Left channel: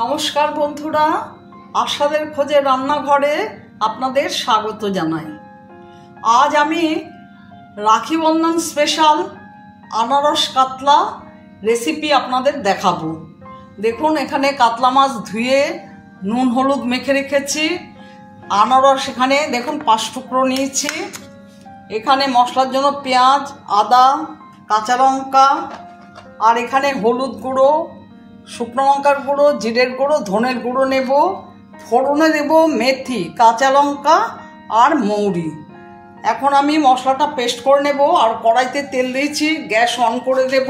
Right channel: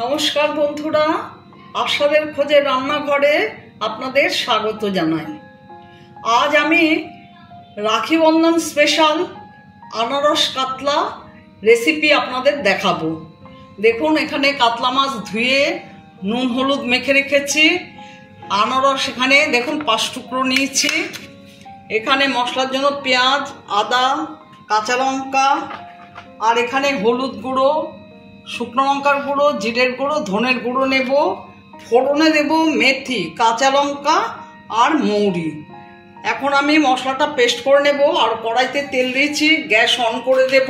নমস্কার বন্ধুরা, আশাদের খোঁজে রান্নাঘরে আপনাদের স্বাগত জানাই। আজ আমি রাখি বন্ধন স্পেশাল আনারস কাতলা রেসিপি আপনাদের দেখাবো। দেখুন, এখানে কাতলা মাছ ধুয়ে নুন হলুদ মেখে রেখেছি। আনারস এখানে দেখুন 5 টুকরো নিয়েছি। এখানে মশলার জন্য পেঁয়াজ, আদা, কাঁচা লঙ্কা, আর এখানে হলুদ গুঁড়ো, শুকনো লঙ্কার গুঁড়ো, জিরের গুঁড়ো, ধনের গুঁড়ো নেব। ফোড়নে দেব মেথি, কাঁচা লঙ্কা আর মৌরি। এখন আমি মশলাটা পেস্ট করে নেব। আর কড়াইতে তেল দিয়েছি, গ্যাস অন করে দেব।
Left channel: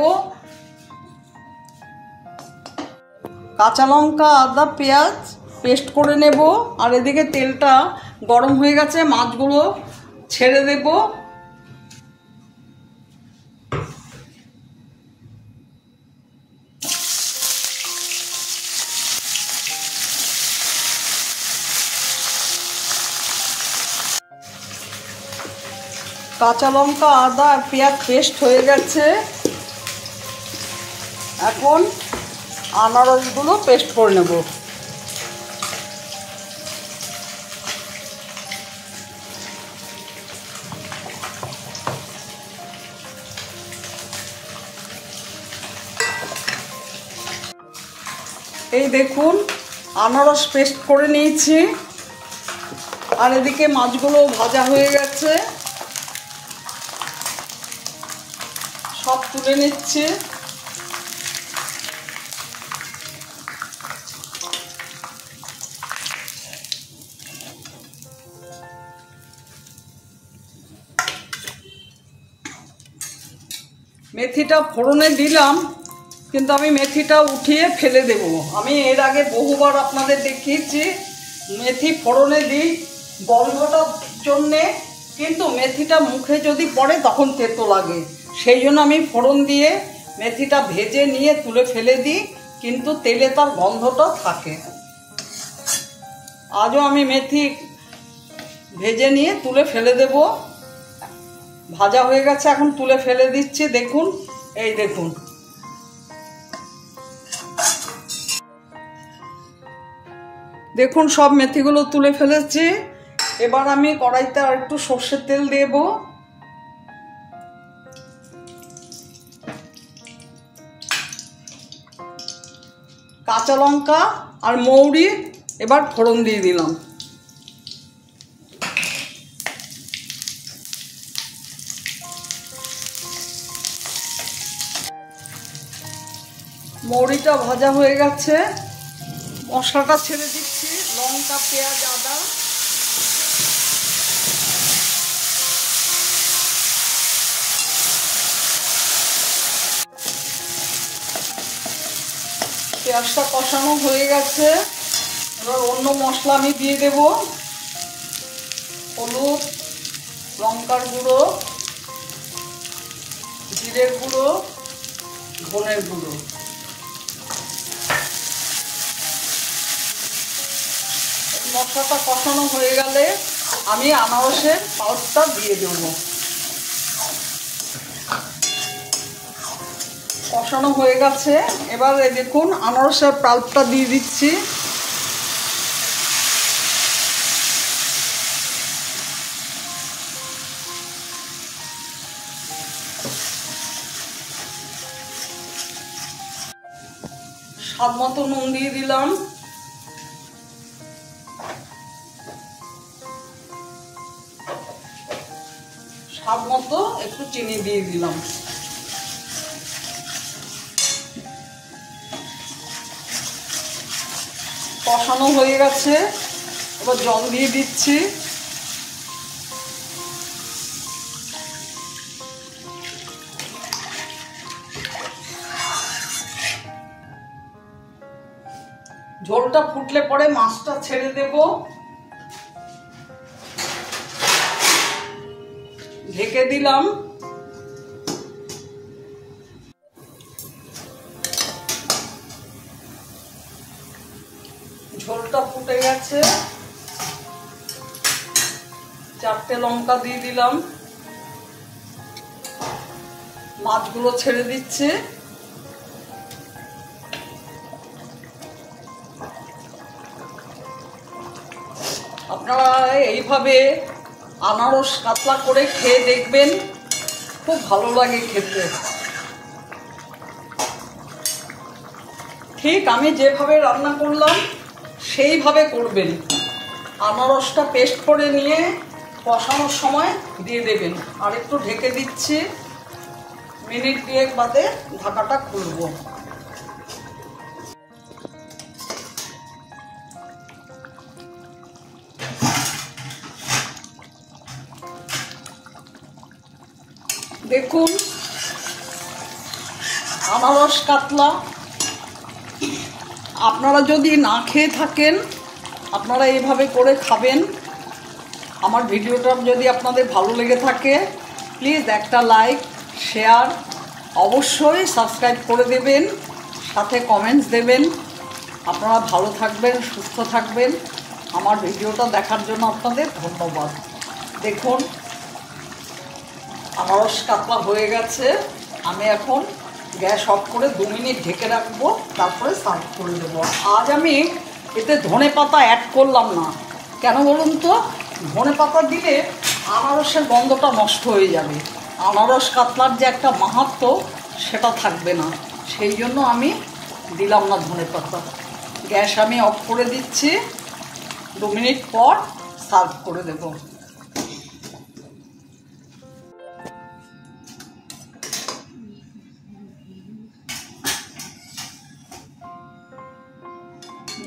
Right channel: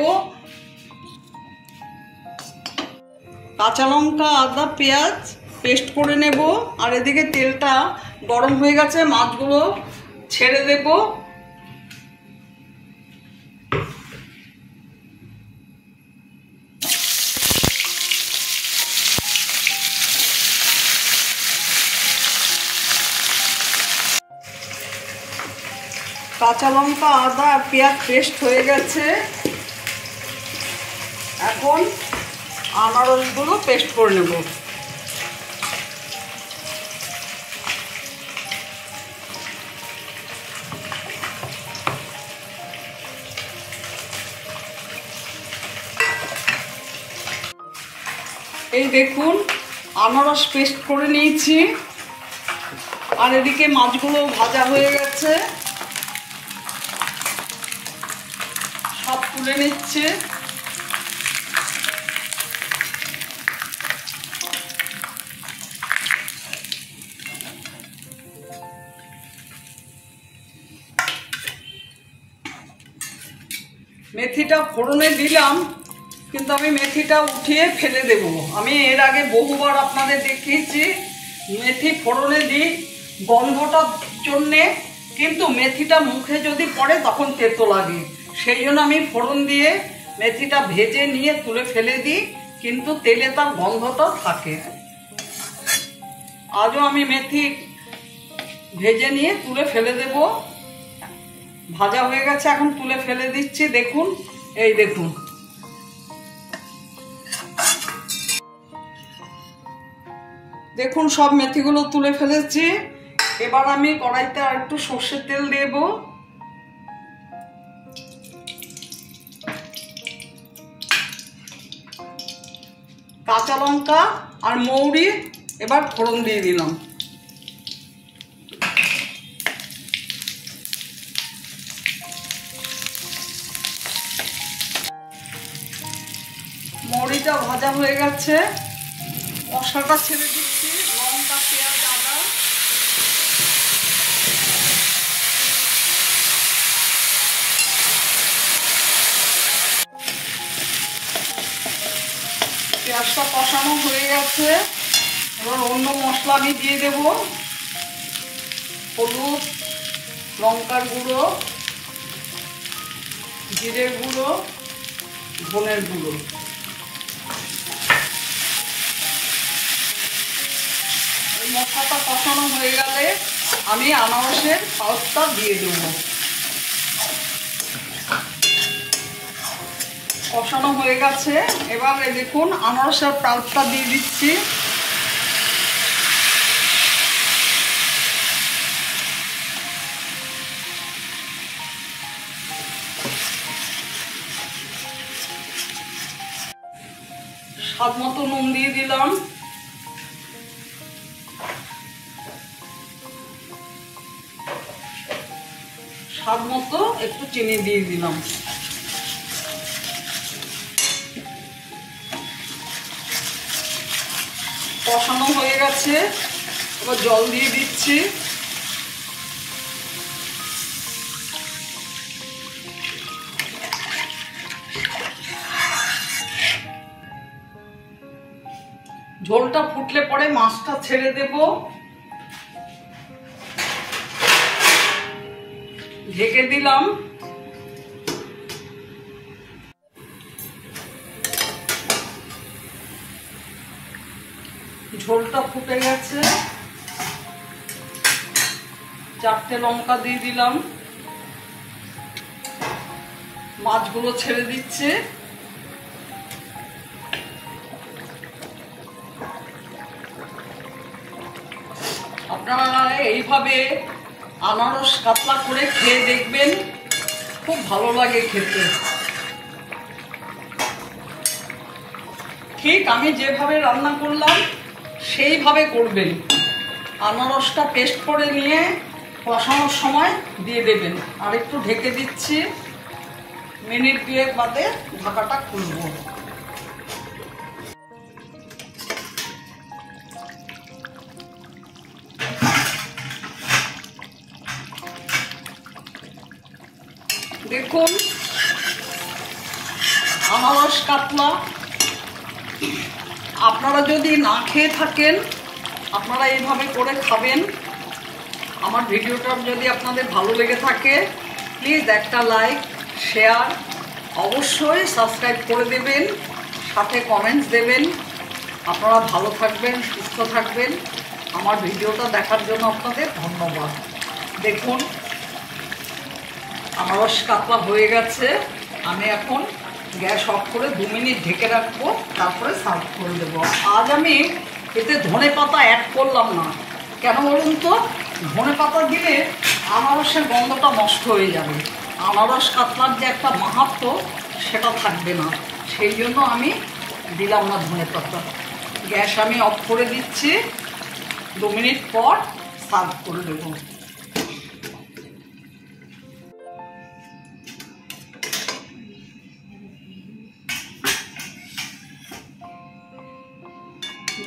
কাঁচা লঙ্কা, আদা, পেঁয়াজ পেস্ট করে নেব। আর এদিকে তেলটা গরম হয়ে গেছে, মাছগুলো ছেড়ে দেব। কাঁচা লঙ্কা, আদা আর পেঁয়াজ পেস্ট হয়ে গেছে। এখন আনারসগুলো পেস্ট করে নেব। এই দেখুন, আনারস পেস্ট করে নিয়েছি। আর এদিকে মাছগুলো ভাজা হয়ে গেছে, সব তুলে নিচ্ছে। মেথিটা ফোড়নে দিলাম, কিন্তু আমি মেথিটা উঠিয়ে ফেলে দেব। আমি এর আগে বহুবার আপনাদের দেখিয়েছি মেথি ফোড়নে দিই গন্ধটার জন্যে, কিন্তু মেথিটা মুখে যদি পড়ে তখন তেতো লাগে। সেই জন্য আমি ফোড়ন দিয়ে মেথিটা ভেজে নিয়ে তুলে ফেলে দিই, কিন্তু তেলে তার গন্ধটা থাকে। আজও আমি মেথি ভেজে নিয়ে তুলে ফেলে দেব। ভাজা হয়ে গেছে, এখন তুলে ফেলে দিচ্ছি। দেখুন, এই দেখুন, দেখুন সব মেথিগুলো তুলে ফেলেছি। এবার আমি কড়াইতে আর একটু সর্ষের তেল দেব। কাঁচা লঙ্কা আর মৌরি এবার ফোড়ন দিয়ে দিলাম। মৌরিটা ভাজা হয়ে গেছে, মশলাটা ছেড়ে দিচ্ছি। লঙ্কা, পেঁয়াজ, আদা, পেঁয়াজটা কষানো হয়ে গেছে। এবার অন্য মশলা আমি দিয়ে দেব। হলুদ, লঙ্কার গুঁড়ো, জিরের গুঁড়ো, ধনের গুঁড়ো। মশলাটা কষানো হয়ে গেলে আমি আনারসের পাল্পটা দিয়ে দেব। কষানো হয়ে গেছে, এবার দেখুন আনারসের পাল্পটা দিয়ে দিচ্ছি। স্বাদ মতো নুন দিয়ে দিলাম। স্বাদ মতো একটু চিনি দিয়ে দিলাম। কষানো হয়ে গেছে, এবার জল দিয়ে দিচ্ছি। ঝোলটা ফুটলে পরে মাছটা ছেড়ে দেব। ঢেকে দিলাম। ঝোলটা ফুটে গেছে, 4টে লঙ্কা দিয়ে দিলাম। মাছগুলো ছেড়ে দিচ্ছে। বাসায় এইভাবে আনারস কাতলা করে খেয়ে দেখবেন, খুব ভালো লাগে খেতে। ঠিক আমি যেভাবে রান্না করলাম সেইভাবে করবেন। আনারসটা পেস্ট করে নিয়ে কষানোর সময় দিয়ে দেবেন। আর একটু ঢেকে দিচ্ছি, মিনিট 2 বাদে ঢাকাটা খুলব। দেখুন আনারস কাতলা আপনারা যদি না খেয়ে থাকেন, আপনারা এইভাবে করে খাবেন। আমার ভিডিওটা যদি আপনাদের ভালো লেগে থাকে, প্লিজ একটা লাইক, শেয়ার, অবশ্যই সাবস্ক্রাইব করে দেবেন, সাথে কমেন্টস দেবেন। আপনারা ভালো থাকবেন, সুস্থ থাকবেন। আমার ভিডিওটা দেখার জন্য আপনাদের ধন্যবাদ। দেখুন আনারস কাতলা হয়ে গেছে। আমি এখন গ্যাস অফ করে 2 মিনিট ঢেকে রাখবো, তারপরে সার্ভ করে দেবো। আজ আমি এতে ধনেপাতা অ্যাড করলাম না, কেন বলুন তো? ধনেপাতা দিলে আনারসের গন্ধটা নষ্ট হয়ে যাবে, আনারস কাতলার যে একটা মাহাত্ম্য সেটা থাকবে না, সেই জন্য আমি দিলাম না ধনেপাতা। গ্যাস আমি অফ করে দিচ্ছি, 2 মিনিট পর সার্ভ করে দেবো।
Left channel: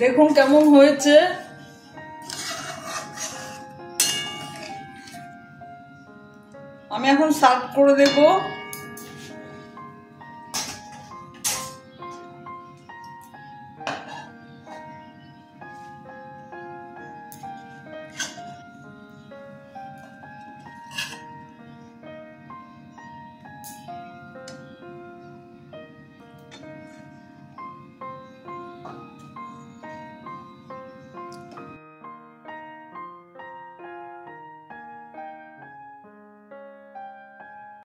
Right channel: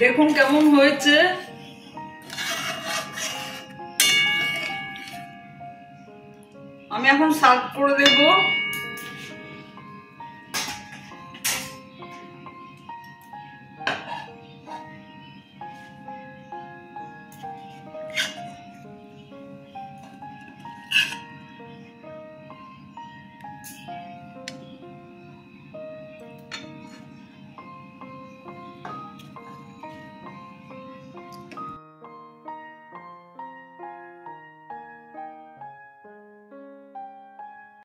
দেখুন কেমন হয়েছে। আমি এখন সার্ভ করে দেবো।